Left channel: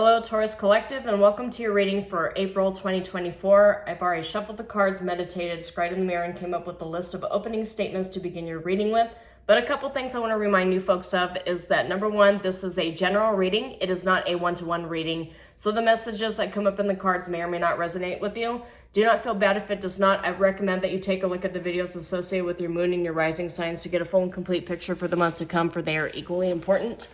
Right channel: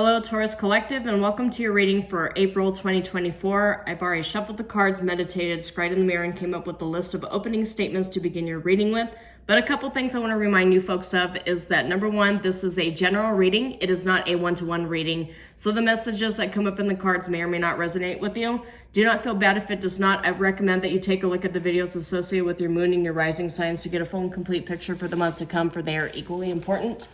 Hello, Taurus Collective, and welcome to your reading for April 2024. I've already shuffled the cards, meditated, scried in the mirror, and came up with a list of opening statements to begin your reading with. But a couple things I want to remind you folks of is that number one, this is a general reading. It is not a one-to-one reading. So the messages that come up in the cards may or may not resonate with you. Do not feel bad if it does not. I recommend that you take a look at the videos associated with your moon and your rising signs to get a full and complete picture for the months to come, for they are equally important.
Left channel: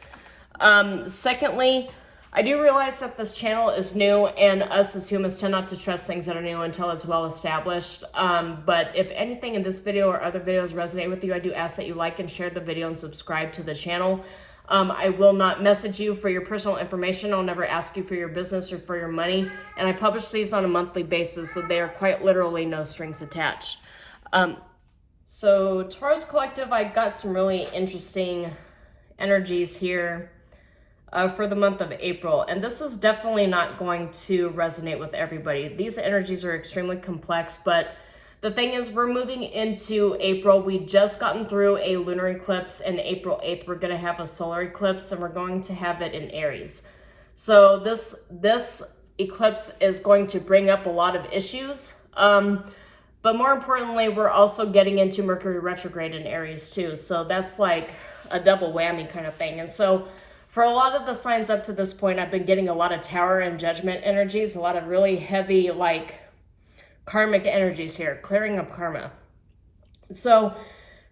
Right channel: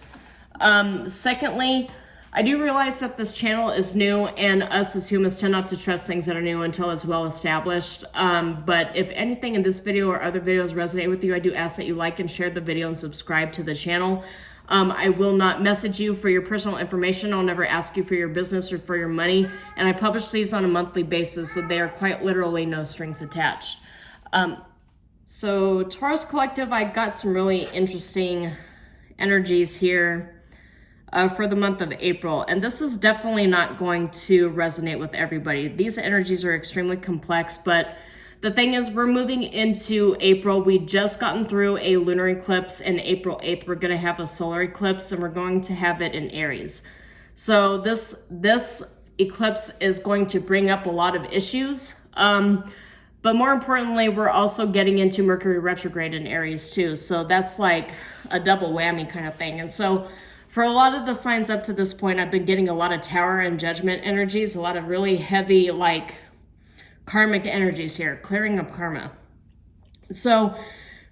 Secondly, I do realize that this channel is new and us as humans tend not to trust things that are new until it's well established. But if anything in this video or other videos resonate with you, I do ask that you like and share the video and subscribe to the channel. I will not message you for your personal information. I'll never ask you for your business or for your money. And I publish these on a monthly basis, so they are quite literally no strings attached. So Taurus Collective, I got some really interesting energies here for the month of April, and this is definitely not going to resonate with everybody. These energies are extremely complex, but the thing is, we're moving into April. We just gotten through a lunar eclipse, and April 8th we're going to have a solar eclipse, and we're going to have it in Aries. So this eclipse is going to bring up a lot of issues, but more importantly, we're also getting into Mercury retrograde in Aries too, so that's like a double whammy kind of thing. And so for a lot of the signs up to this point, I've been getting a lot of Tower and Judgment energies, a lot of really heavy, like, karmic energies here, clearing up karma. So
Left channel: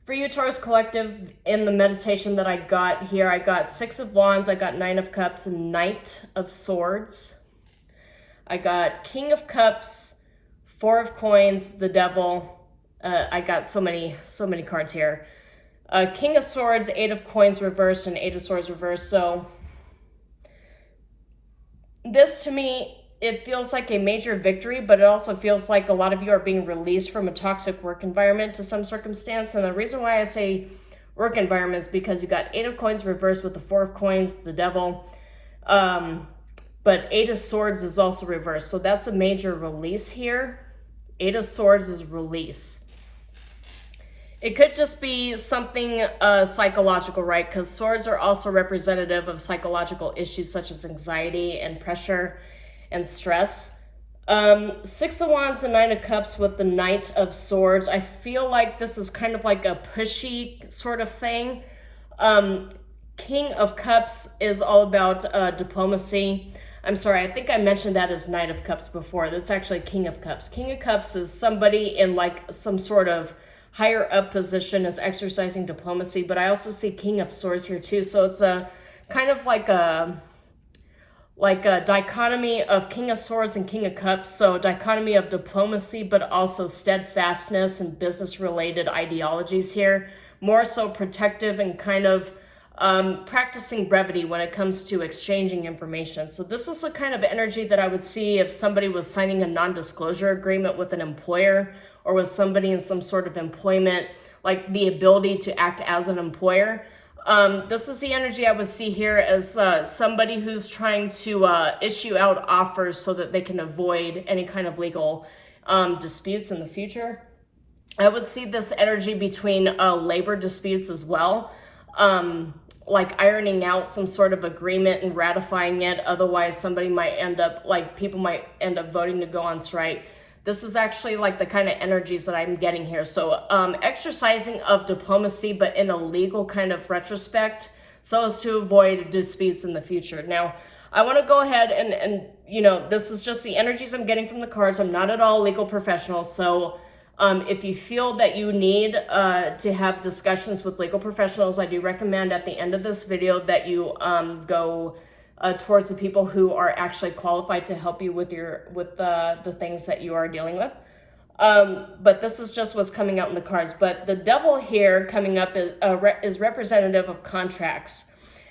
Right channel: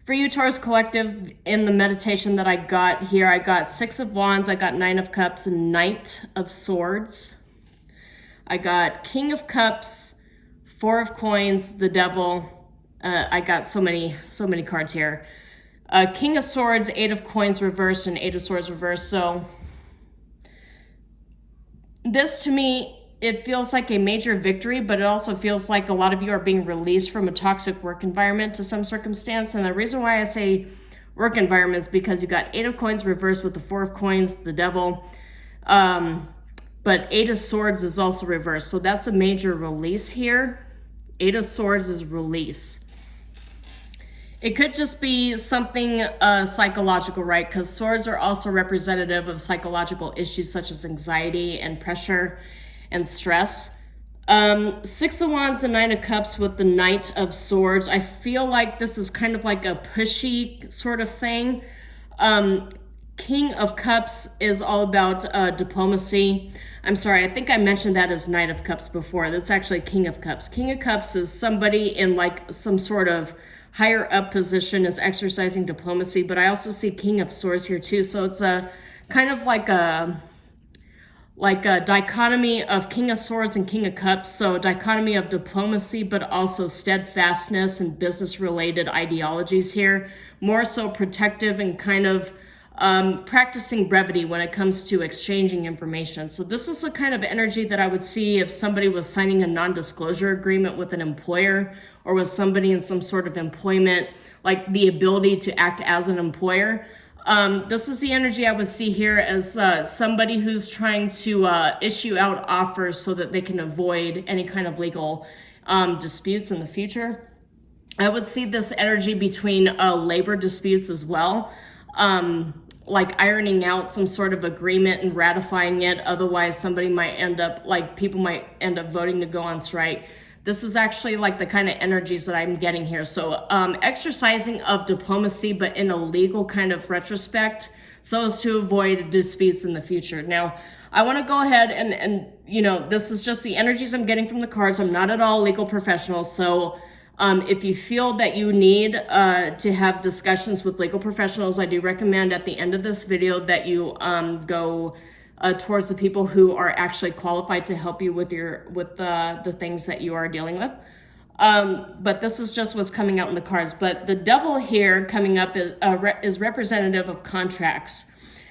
for you, Taurus Collective, in the meditation that I got here, I got Six of Wands, I got Nine of Cups, and Knight of Swords. I got King of Cups, Four of Coins, the Devil. I got so many cards here. King of Swords, Eight of Coins reversed, and Eight of Swords reversed. So this, to me, it feels like a major victory, but it also feels like a lot of you are being released from a toxic work environment to some circumstance. And the reason why I say work environment is because you got Eight of Coins reversed with the Four of Coins, the Devil. But Eight of Swords is also reversed. So that's a major release here. Eight of Swords is release. It could just be something psychological, right? Because swords are also representative of psychological issues such as anxiety and pressure and stress. Six of Wands and Nine of Cups with the Knight of Swords. I feel like this is kind of like a pushy sort of thing. King of Cups is all about diplomacy. I'm sorry, I think I mentioned that as Knight of Cups before. That's actually King of Cups. King of Cups is somebody in like some sort of higher up position, is exercising diplomacy, but I also see King of Swords here too. So it's a kind of like a dichotomy of King of Swords and King of Cups. So dichotomy of diplomacy, but also steadfastness and business related ideologies here. More so protective and kind of practicing brevity when it comes to exchanging information. So this is the kind of energy that I would see if somebody was signing a non-disclosure agreement with an employer, or with somebody in some sort of employment, like the ability to act as an employer. This is the energy I would see here as somebody who's trying to issue out offers so that they can avoid any kind of legal disputes in the future. I would see this energy between labor disputes as well, like ironing out some sort of agreement and ratifying it. Otherwise, somebody might end up, like people might end up voting to go on strike. This is actually like the kind of energies that I'm getting here. So exercising of diplomacy, but in a legal kind of retrospect, so as to avoid disputes in the future. Now, I want to go ahead and you know, this is just the energies I'm getting from the cards. I'm not at all a legal professional. So if you feel that you need to have discussions with legal professionals, I do recommend at the end of this video that you go towards the people who are actually qualified to help you with the things that you are dealing with. But this is just what's coming out in the cards. But the Devil here coming up is representative of contracts,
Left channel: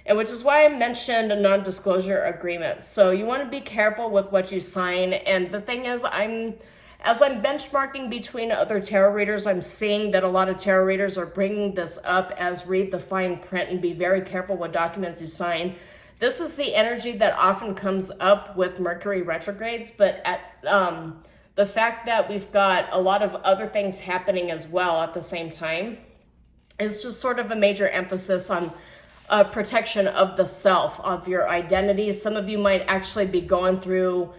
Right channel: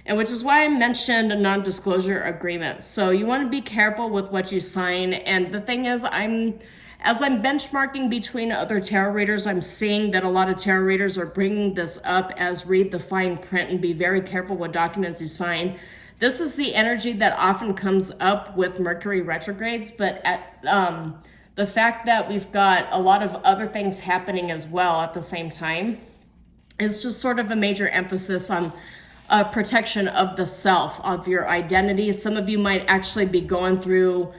and which is why I mentioned a non-disclosure agreement. So you want to be careful with what you sign. And the thing is, as I'm benchmarking between other tarot readers, I'm seeing that a lot of tarot readers are bringing this up as read the fine print and be very careful what documents you sign. This is the energy that often comes up with Mercury retrogrades, but at the fact that we've got a lot of other things happening as well at the same time is just sort of a major emphasis on protection of the self, of your identity. Some of you might actually be going through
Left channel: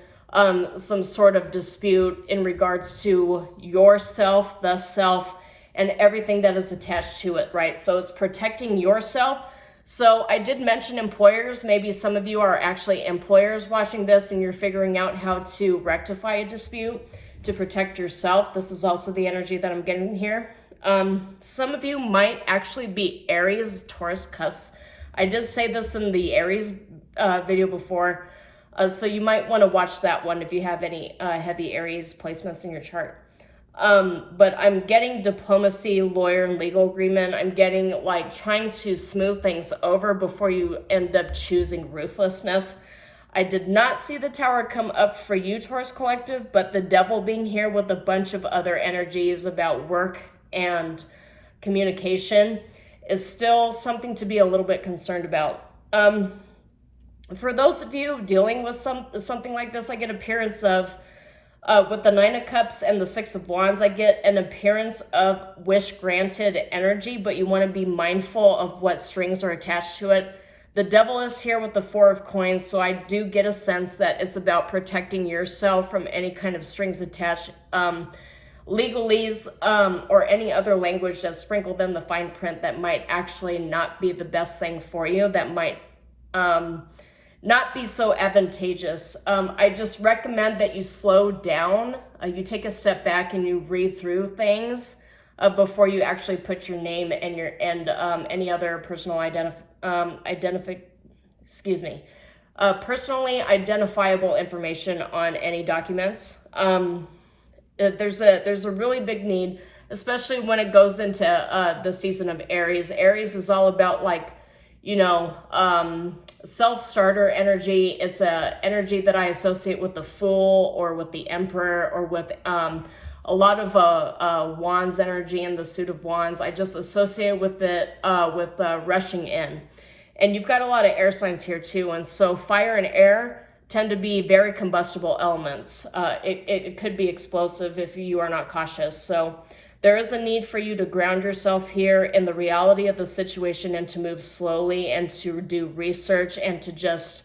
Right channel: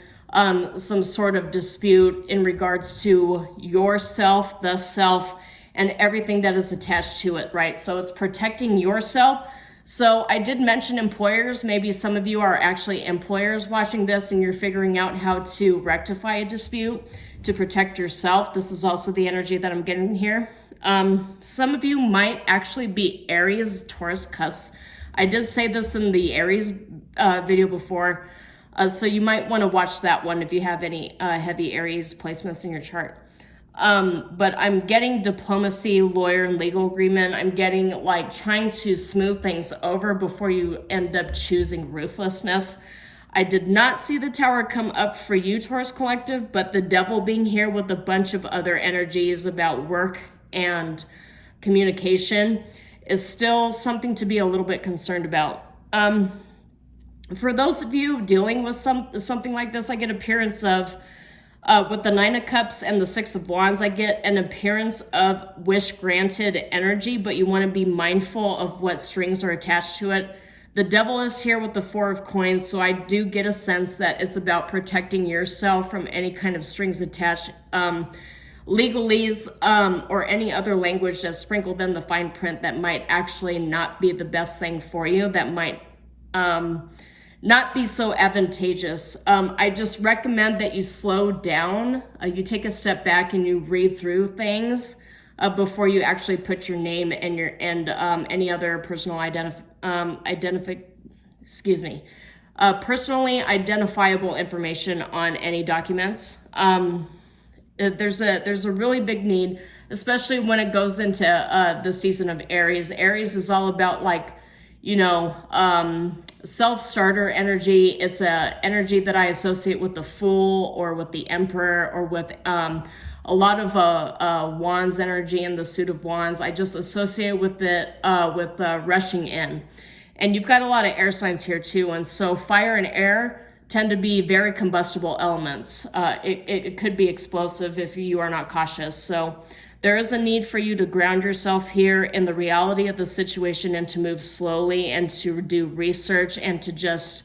some sort of dispute in regards to yourself, the self, and everything that is attached to it, right? So it's protecting yourself. So I did mention employers. Maybe some of you are actually employers watching this and you're figuring out how to rectify a dispute to protect yourself. This is also the energy that I'm getting here. Some of you might actually be Aries, Taurus, cusp. I did say this in the Aries video before, so you might want to watch that one if you have any heavy Aries placements in your chart. But I'm getting diplomacy, lawyer, and legal agreement. I'm getting like trying to smooth things over before you end up choosing ruthlessness. I did not see the Tower come up for you, Taurus Collective, but the Devil being here with a bunch of other energies about work and communication is still something to be a little bit concerned about. For those of you dealing with something like this, I get appearance of, with the Nine of Cups and the Six of Wands, I get an appearance of wish granted energy, but you want to be mindful of what strings are attached to it. The Devil is here with the Four of Coins, so I do get a sense that it's about protecting yourself from any kind of strings attached, legalese, or any other language that's sprinkled in the fine print that might actually not be the best thing for you, that might not be so advantageous. I just recommend that you slow down, you take a step back and you read through things before you actually put your name and any other personal personally identifiable information on any documents. There's a really big need, especially when it goes into the season of Aries. Aries is all about, like, you know, self-starter energy. It's a energy that I associate with the Fool or with the Emperor or with a lot of Wands energy and the Suit of Wands. I just associate with it with rushing in. And you've got a lot of air signs here too, and so fire and air tend to be very combustible elements. It could be explosive if you are not cautious. So there is a need for you to ground yourself here in the reality of the situation and to move slowly and to do research and to just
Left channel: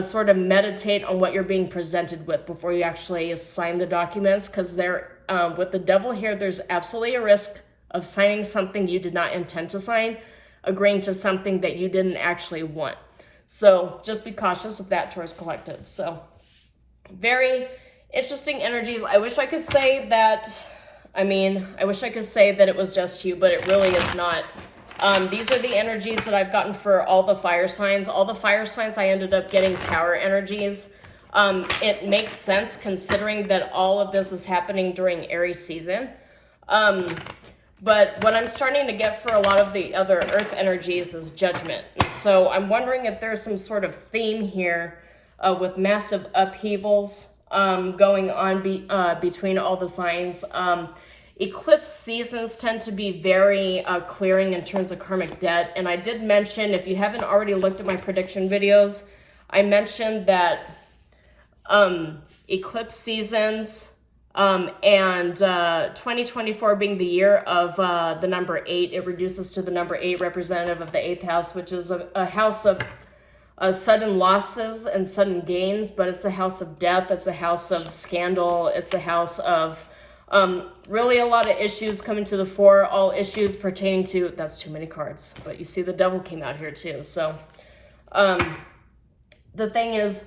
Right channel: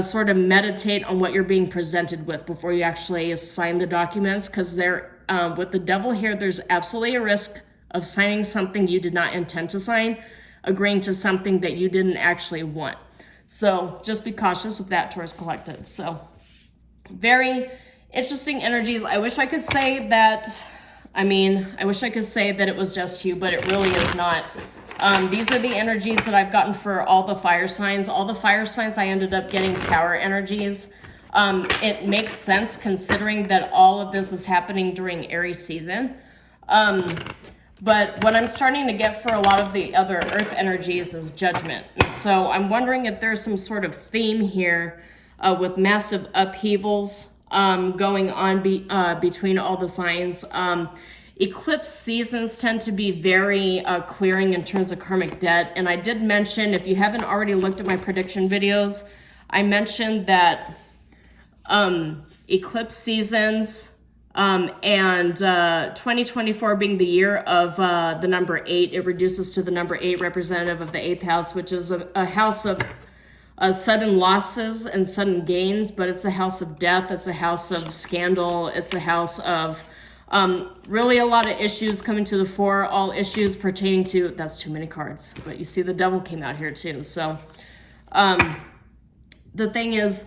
sort of meditate on what you're being presented with before you actually sign the documents, because with the Devil here, there's absolutely a risk of signing something you did not intend to sign, agreeing to something that you didn't actually want. So just be cautious of that, Taurus Collective. So very interesting energies. I wish I could say that, I wish I could say that it was just you, but it really is not. These are the energies that I've gotten for all the fire signs. All the fire signs, I ended up getting Tower energies. It makes sense considering that all of this is happening during Aries season. But what I'm starting to get for a lot of the other earth energies is judgment. So I'm wondering if there's some sort of theme here with massive upheavals going on between all the signs. Eclipse seasons tend to be very clearing in terms of karmic debt. And I did mention, if you haven't already looked at my prediction videos, I mentioned that eclipse seasons and 2024 being the year of the number 8, it reduces to the number 8, representative of the 8th house, which is a house of sudden losses and sudden gains, but it's a house of death, it's a house of scandal, it's a house of really a lot of issues coming to the fore, all issues pertaining to, that's too many cards, but you see the Devil came out here too. So the thing is,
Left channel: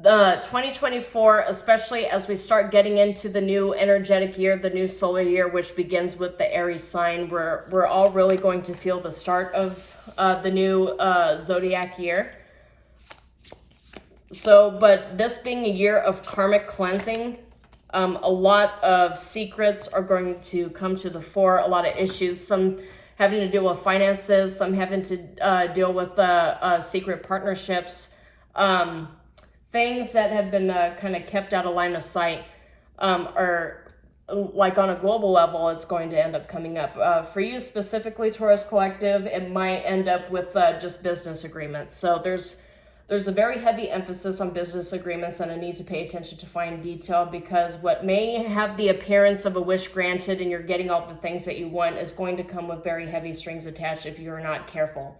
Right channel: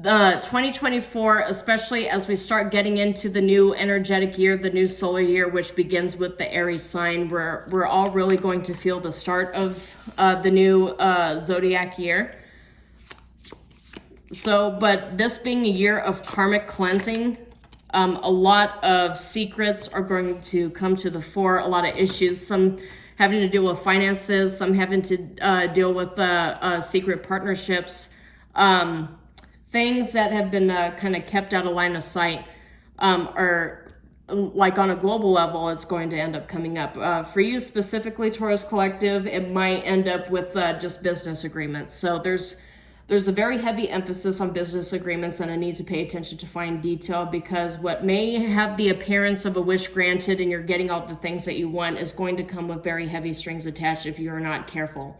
the 2024, especially as we start getting into the new energetic year, the new solar year, which begins with the Aries sign, we're all really going to feel the start of the new zodiac year. So, but this being a year of karmic cleansing, a lot of secrets are going to come to the fore, a lot of issues, some having to deal with finances, some having to deal with secret partnerships, things that have been kind of kept out of line of sight, are like on a global level, it's going to end up coming up. For you specifically, Taurus Collective, it might end up with just business agreements. So there's a very heavy emphasis on business agreements and a need to pay attention to fine detail, because what may have the appearance of a wish granted and you're getting all the things that you want is going to come with very heavy strings attached if you're not careful.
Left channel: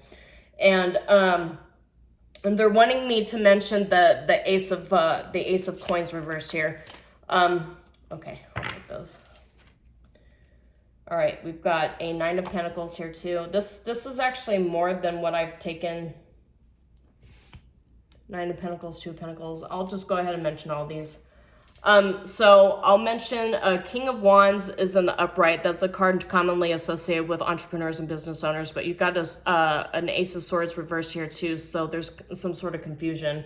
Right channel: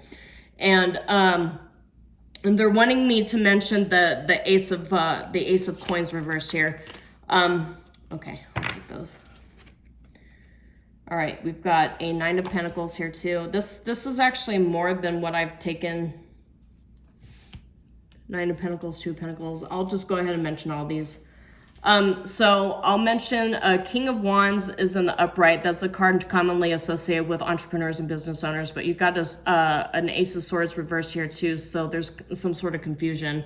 And they're wanting me to mention the Ace of Coins reversed here. Okay, I'll take those. All right, we've got a Nine of Pentacles here too. This is actually more than what I've taken. Nine of Pentacles, Two of Pentacles. I'll just go ahead and mention all these. So I'll mention King of Wands is in the upright. That's a card commonly associated with entrepreneurs and business owners, but you've got an Ace of Swords reversed here too, so there's some sort of confusion.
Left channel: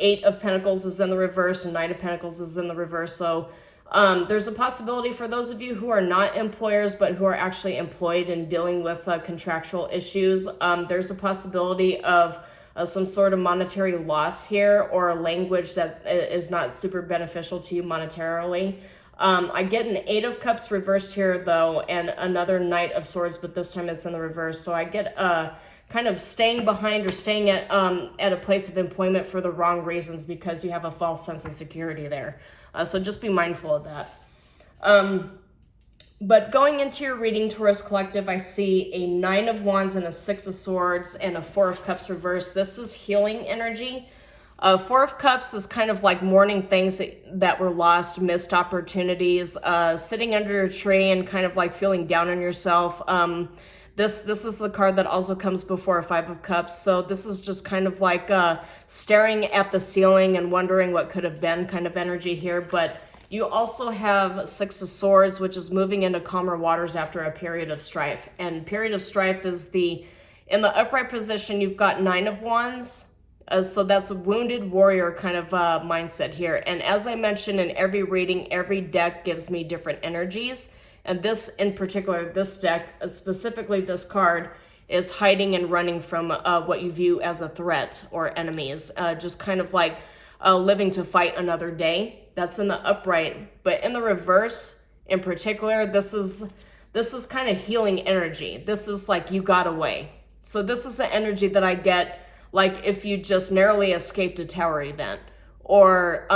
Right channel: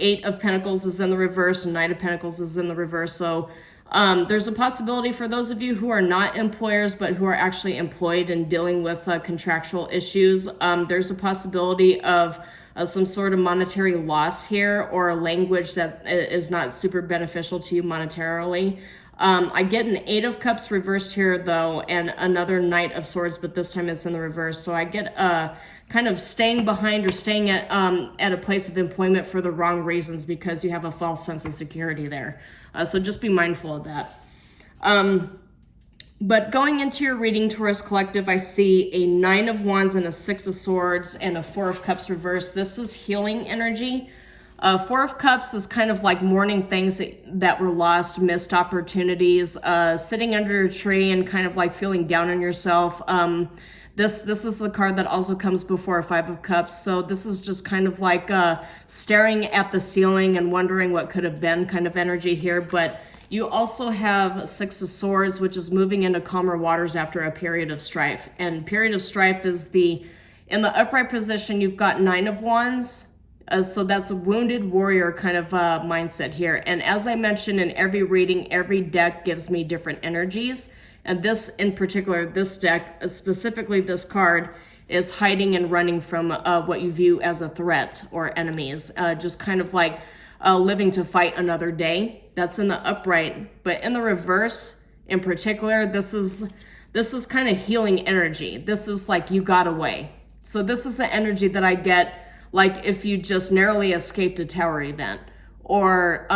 Eight of Pentacles is in the reverse, and Nine of Pentacles is in the reverse. So there's a possibility for those of you who are not employers, but who are actually employed and dealing with contractual issues. There's a possibility of some sort of monetary loss here, or a language that is not super beneficial to you monetarily. I get an Eight of Cups reversed here though, and another Knight of Swords, but this time it's in the reverse. So I get kind of staying behind or staying at a place of employment for the wrong reasons because you have a false sense of security there. So just be mindful of that. But going into your reading, Taurus Collective, I see a Nine of Wands and a Six of Swords and a Four of Cups reversed. This is healing energy. Four of Cups is kind of like mourning things that were lost, missed opportunities, sitting under a tree and kind of like feeling down on yourself. This is the card that also comes before a Five of Cups. So this is just kind of like staring at the ceiling and wondering what could have been kind of energy here. But you also have Six of Swords, which is moving into calmer waters after a period of strife. And period of strife is in the upright position, you've got Nine of Wands. So that's a wounded warrior kind of mindset here. And as I mentioned in every reading, every deck gives me different energies. And this in particular, this deck, specifically this card, is hiding and running from what you view as a threat or enemies. Just kind of like living to fight another day. That's in the upright. But in the reverse, in particular, this is kind of healing energy. This is like you got away. So this is the energy that I get like if you just narrowly escaped a tower event. Or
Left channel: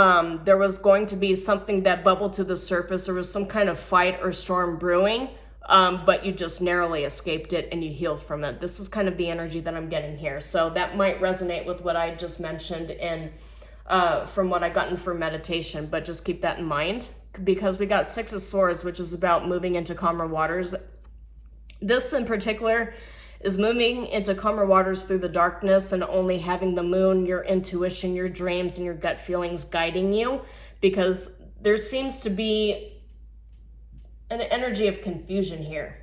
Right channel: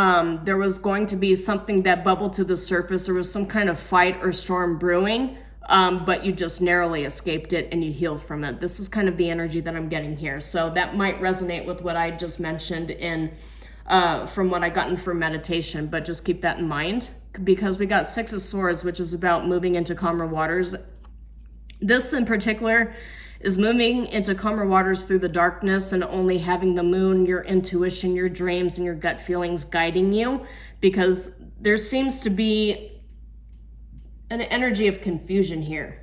there was going to be something that bubbled to the surface. There was some kind of fight or storm brewing, but you just narrowly escaped it and you healed from it. This is kind of the energy that I'm getting here. So that might resonate with what I just mentioned from what I gotten for meditation, but just keep that in mind because we got Six of Swords, which is about moving into calmer waters. This in particular is moving into calmer waters through the darkness and only having the moon, your intuition, your dreams, and your gut feelings guiding you, because there seems to be an energy of confusion here.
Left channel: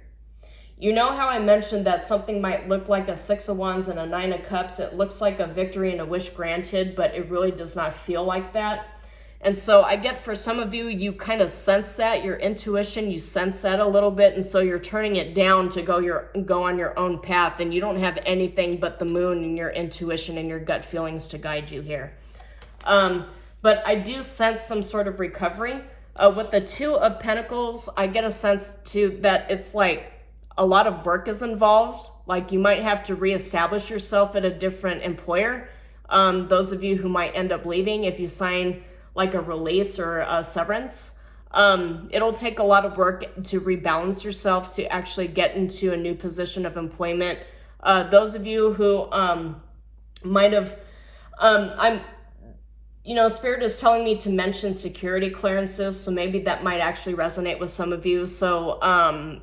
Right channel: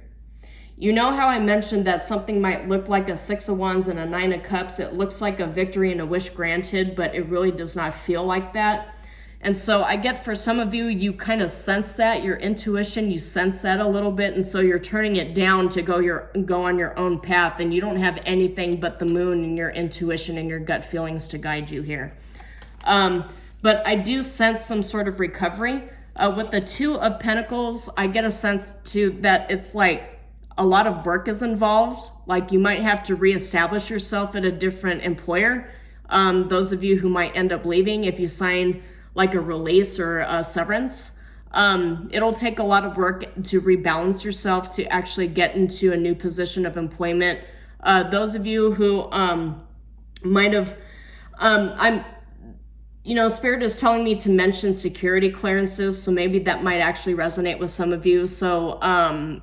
You know how I mentioned that something might look like a Six of Wands and a Nine of Cups? It looks like a victory and a wish granted, but it really does not feel like that. And so I get for some of you, you kind of sense that, your intuition, you sense that a little bit, and so you're turning it down to go on your own path, and you don't have anything but the moon and your intuition and your gut feelings to guide you here. But I do sense some sort of recovery. With the Two of Pentacles, I get a sense too that it's like a lot of work is involved. Like you might have to reestablish yourself at a different employer. Those of you who might end up leaving, if you sign like a release or a severance, it'll take a lot of work to rebalance yourself to actually get into a new position of employment. Those of you who might have, Spirit is telling me to mention security clearances, so maybe that might actually resonate with some of you. So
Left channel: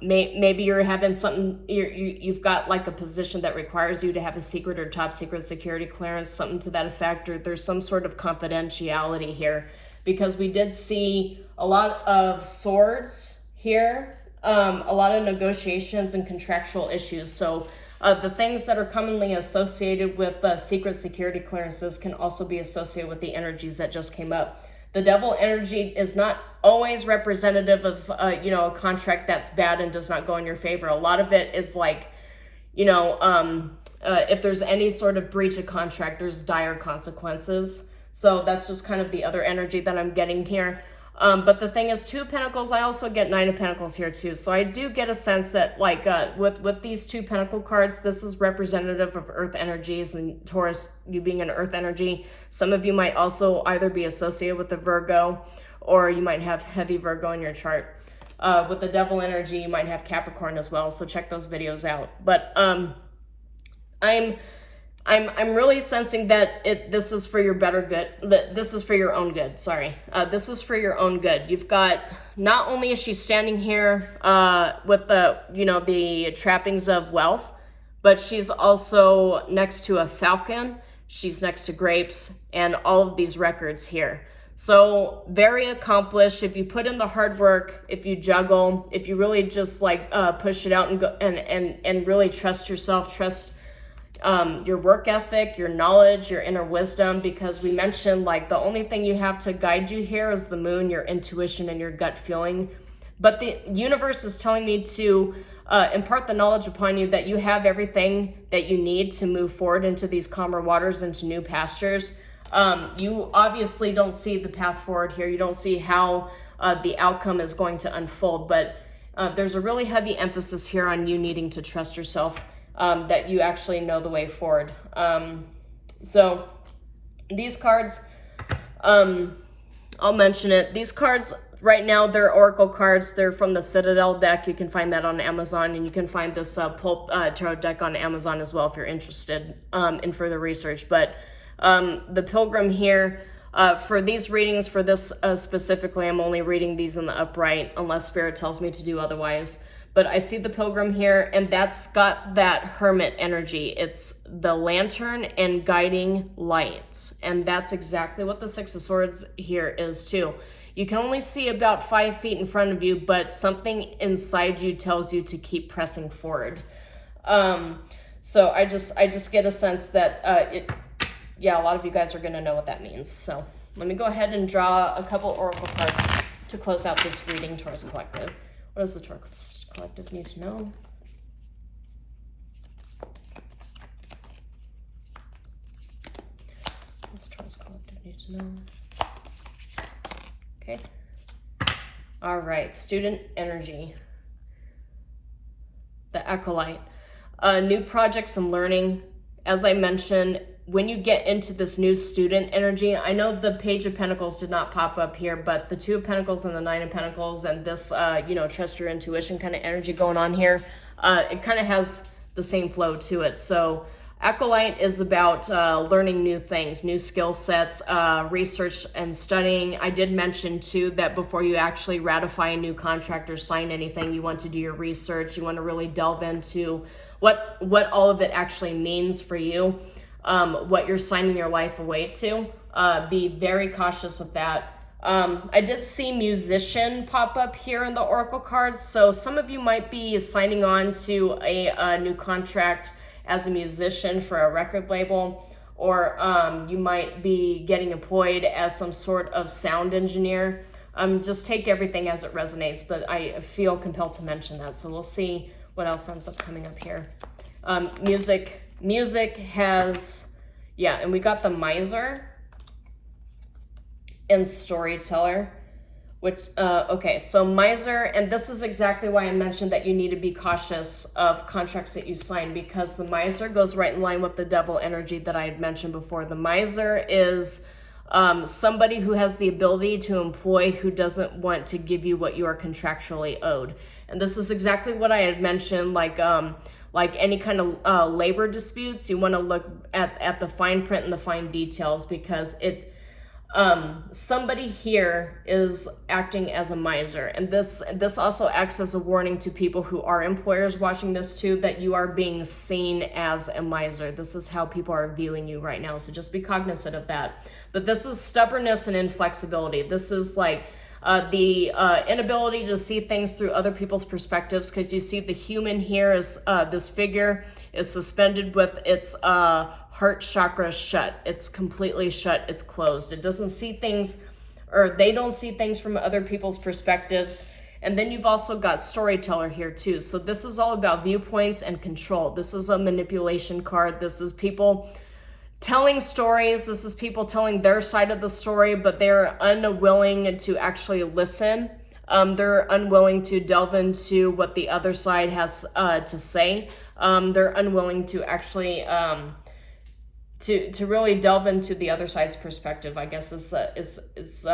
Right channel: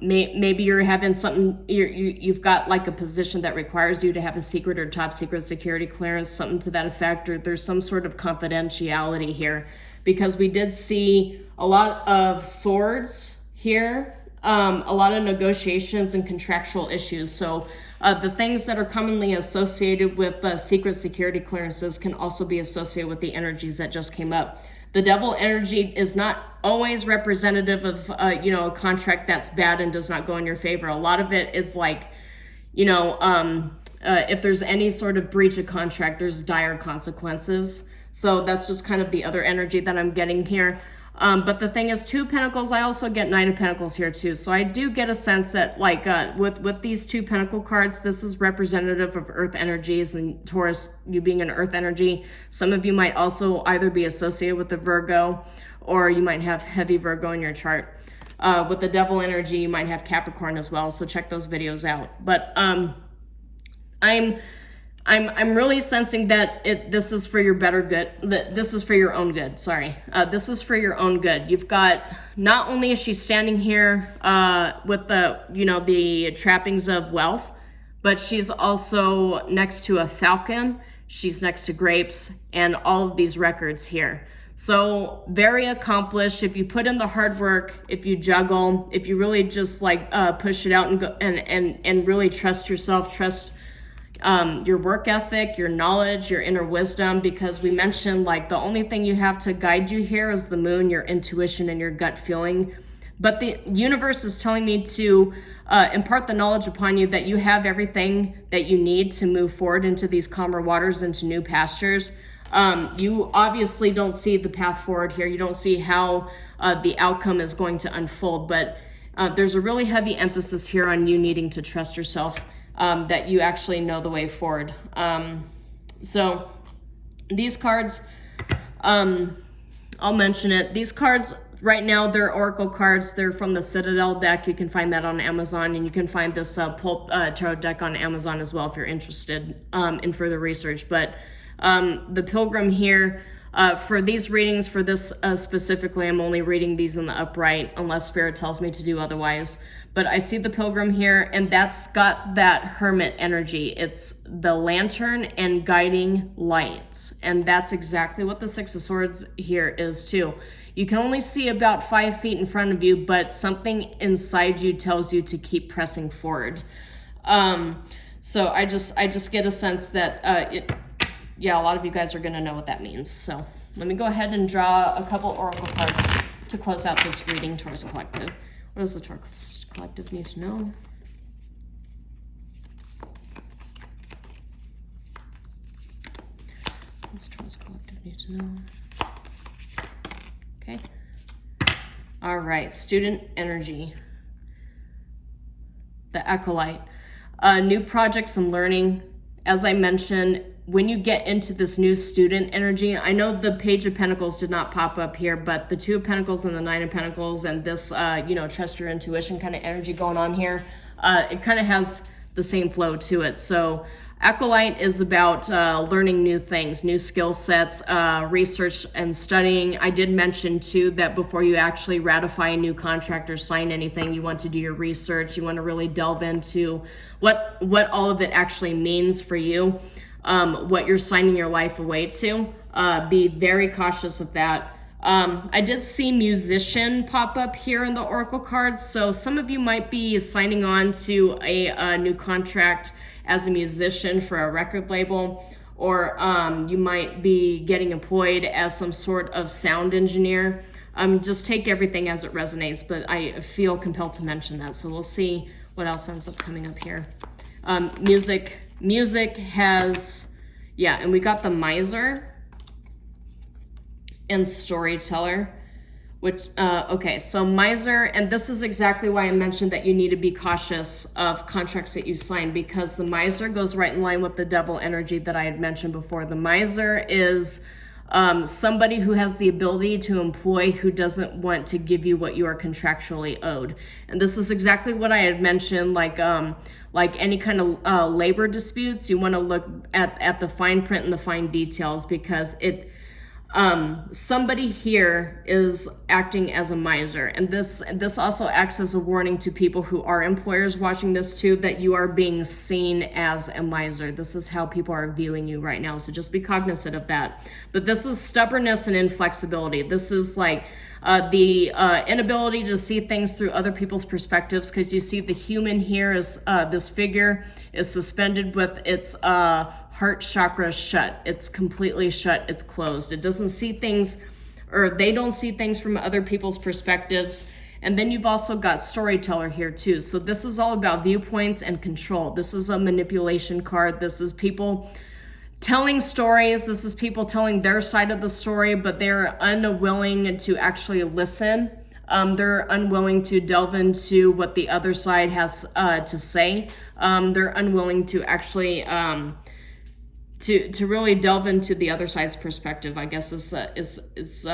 maybe you're having something, you've got like a position that requires you to have a secret or top secret security clearance, something to that effect, or there's some sort of confidentiality here, because we did see a lot of swords here, a lot of negotiations and contractual issues. So the things that are commonly associated with secret security clearances can also be associated with the energies that just came up. The Devil energy is not always representative of, a contract that's bad and does not go in your favor. A lot of it is like, if there's any sort of breach of contract, there's dire consequences. So that's just kind of the other energy that I'm getting here. But the thing is, Two of Pentacles, I also get Nine of Pentacles here too. So I do get a sense that like with these two Pentacle cards, this is representative of Earth energies, and Taurus, you being an Earth energy. Some of you might also either be associated with the Virgo, or you might have heavy Virgo in your chart. With the Devil energy, you might have Capricorn as well. So check those videos out. But I'm really sensing that this is for your better good. That this is for your own good. Sorry, this is for your own good. You've got, not only is she standing here with the, you know, the trappings of wealth, but she's also next to a falcon. She's next to grapes and all of these records here. So very accomplished. If you put in the hard work, if you juggle, if you really just like push it out and go and really trust yourself, trust your work ethic, your knowledge, your inner wisdom, because we mentioned like the only thing you have to guide you here is the moon, your intuition and your gut feeling. But the universe is telling me to impart the knowledge upon you that you have everything that you need to move forward into these calmer waters, into new pastures. You obviously don't see the path forward here. You don't see how the outcome is going to unfold, but there's a really heavy emphasis here on you needing to trust yourself. That you actually know the way forward. So these cards, I'll mention it. These cards right now, they're Oracle cards. They're from the Citadel deck. You can find that on Amazon, and you can find this Pulp Tarot deck on Amazon as well if you're interested in further research. But the Pilgrim here, for these readings, for this specifically, I'm only reading these in the upright unless Spirit tells me to do otherwise. But I see the Pilgrim here, and that's got that Hermit energy. It's the lantern and guiding light. And that's exactly what the Six of Swords here is too. You can only see about 5 feet in front of you, but something inside you tells you to keep pressing forward. So I just get a sense that, yeah, a lot of you guys are gonna know what that means. So let me go ahead and draw a couple Oracle cards to close out this reading, Taurus Collective. What does the Taurus Collective need to know? What does the Taurus Collective need to know? Okay. All right, student energy. The Acolyte. New projects and learning. As I mentioned, when you get into this new student energy, I know the Page of Pentacles did not pop up here, but the Two of Pentacles and the Nine of Pentacles and this, you know, trust your intuition kind of energy going on here, it kind of has the same flow to it. So Acolyte is about learning new things, new skill sets, research and studying. I did mention too that before you actually ratify a new contract or sign anything, you want to do your research. You want to really delve into what all of it actually means for you. What you're signing your life away to. Be very cautious of that. I did see musician pop up here in the Oracle cards, so some of you might be signing on to a new contract as a musician for a record label, or you might be getting employed as some sort of sound engineer. Just take everything as it resonates, but I feel compelled to mention that, so we'll see what else ends up coming up here. Music has, yeah, and we got the Miser and Storyteller, which, okay, so Miser, and this is exactly why I mentioned that you need to be cautious of contracts that you sign, because the Miser goes right in line with the Devil energy that I had mentioned before. The Miser is somebody who has the ability to employ who doesn't want to give you what you are contractually owed. And this is exactly what I had mentioned, like any kind of labor disputes, you want to look at the fine print and the fine details, because somebody here is acting as a miser. And this also acts as a warning to people who are employers watching this too, that you are being seen as a miser. This is how people are viewing you right now. So just be cognizant of that. But this is stubbornness and inflexibility. This is like the inability to see things through other people's perspectives, because you see the human here is this figure is suspended with its heart chakra shut. It's completely shut. It's closed. It doesn't see things, or they don't see things from other people's perspectives. And then you've also got Storyteller here too. So this is all about viewpoints and control. This is a manipulation card. This is people telling stories. This is people telling their side of the story, but they're unwilling to actually listen. They're unwilling to delve into what the other side has to say. They're unwilling to actually to really delve into the other side's perspective, I guess is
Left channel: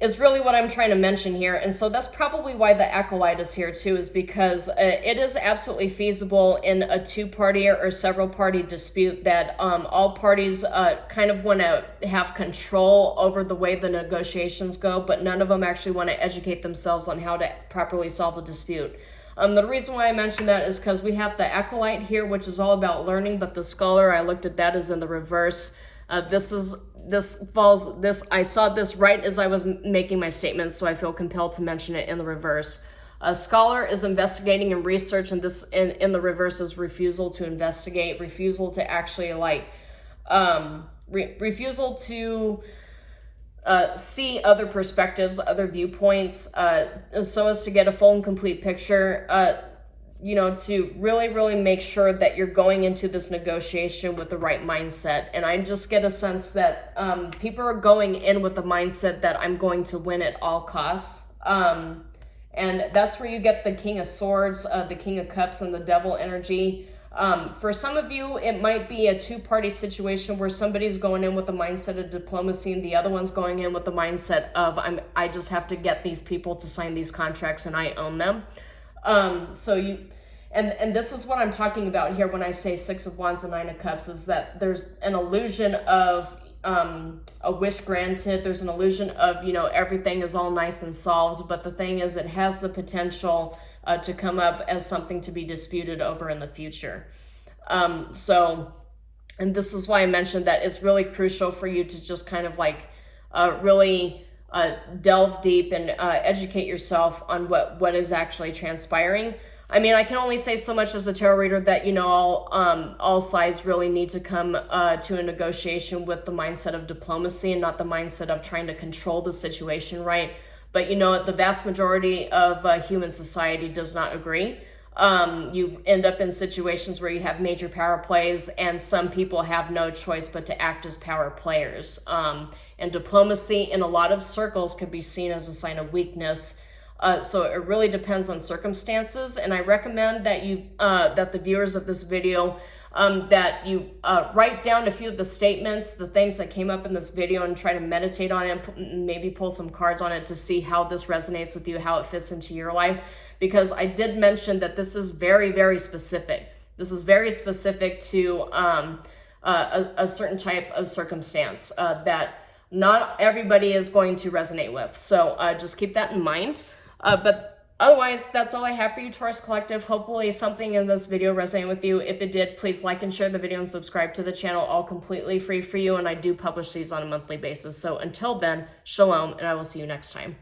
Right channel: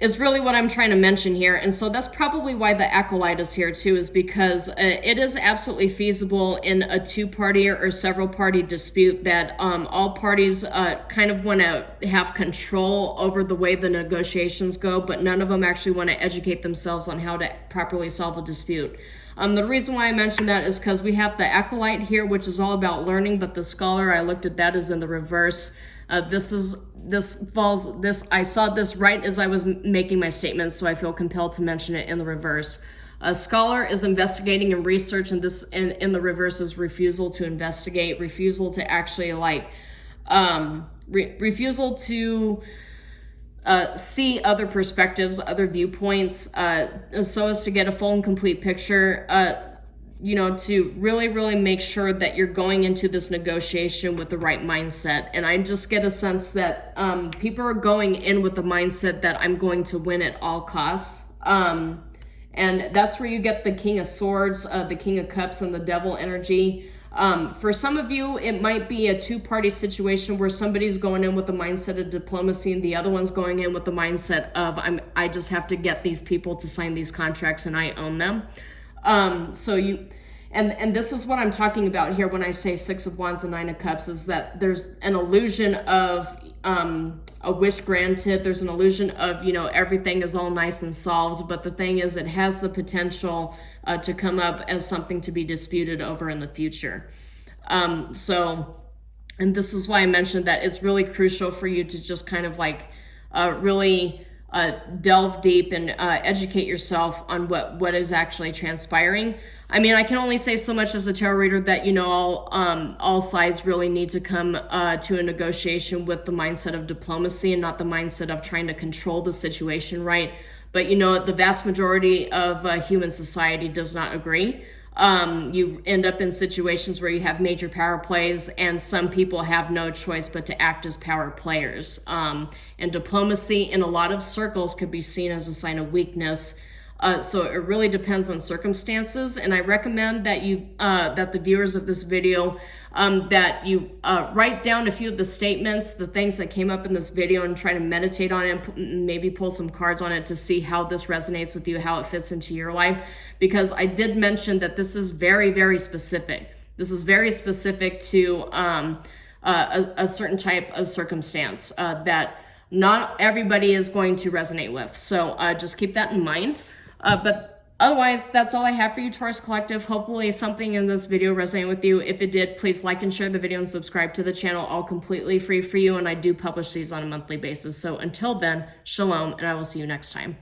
is really what I'm trying to mention here. And so that's probably why the acolyte is here too, is because it is absolutely feasible in a two-party or several-party dispute that all parties kind of want to have control over the way the negotiations go, but none of them actually want to educate themselves on how to properly solve a dispute. The reason why I mentioned that is because we have the acolyte here, which is all about learning, but the scholar, I looked at that, is in the reverse. I saw this right as I was making my statements, so I feel compelled to mention it in the reverse. A scholar is investigating and research, and this in the reverse is refusal to investigate, refusal to actually refusal to see other perspectives, other viewpoints, so as to get a full and complete picture. To really make sure that you're going into this negotiation with the right mindset. And I just get a sense that people are going in with the mindset that I'm going to win at all costs. And that's where you get the King of Swords, the King of Cups, and the Devil energy. For some of you, it might be a two-party situation where somebody's going in with the mindset of diplomacy and the other one's going in with the mindset of I just have to get these people to sign these contracts and I own them. And this is what I'm talking about here when I say Six of Wands and Nine of Cups, is that there's an illusion of a wish granted. There's an illusion of, everything is all nice and solved. But the thing is, it has the potential to come up as something to be disputed over in the future. And this is why I mentioned that it's really crucial for you to just kind of really delve deep and educate yourself on what is actually transpiring. I mean, I can only say so much as a tarot reader that, all sides really need to come to a negotiation with the mindset of diplomacy and not the mindset of trying to control the situation, right? But, the vast majority of human society does not agree. You end up in situations where you have major power plays and some people have no choice but to act as power players. And diplomacy in a lot of circles could be seen as a sign of weakness. So it really depends on circumstances, and I recommend that that the viewers of this video, that you write down a few of the statements, the things that came up in this video, and try to meditate on it, and maybe pull some cards on it to see how this resonates with you, how it fits into your life, because I did mention that this is very, very specific. This is very specific to a certain type of circumstance that not everybody is going to resonate with. So just keep that in mind. But otherwise, that's all I have for you, Taurus Collective. Hopefully something in this video resonated with you. If it did, please like and share the video and subscribe to the channel, all completely free for you. And I do publish these on a monthly basis. So until then, shalom, and I will see you next time.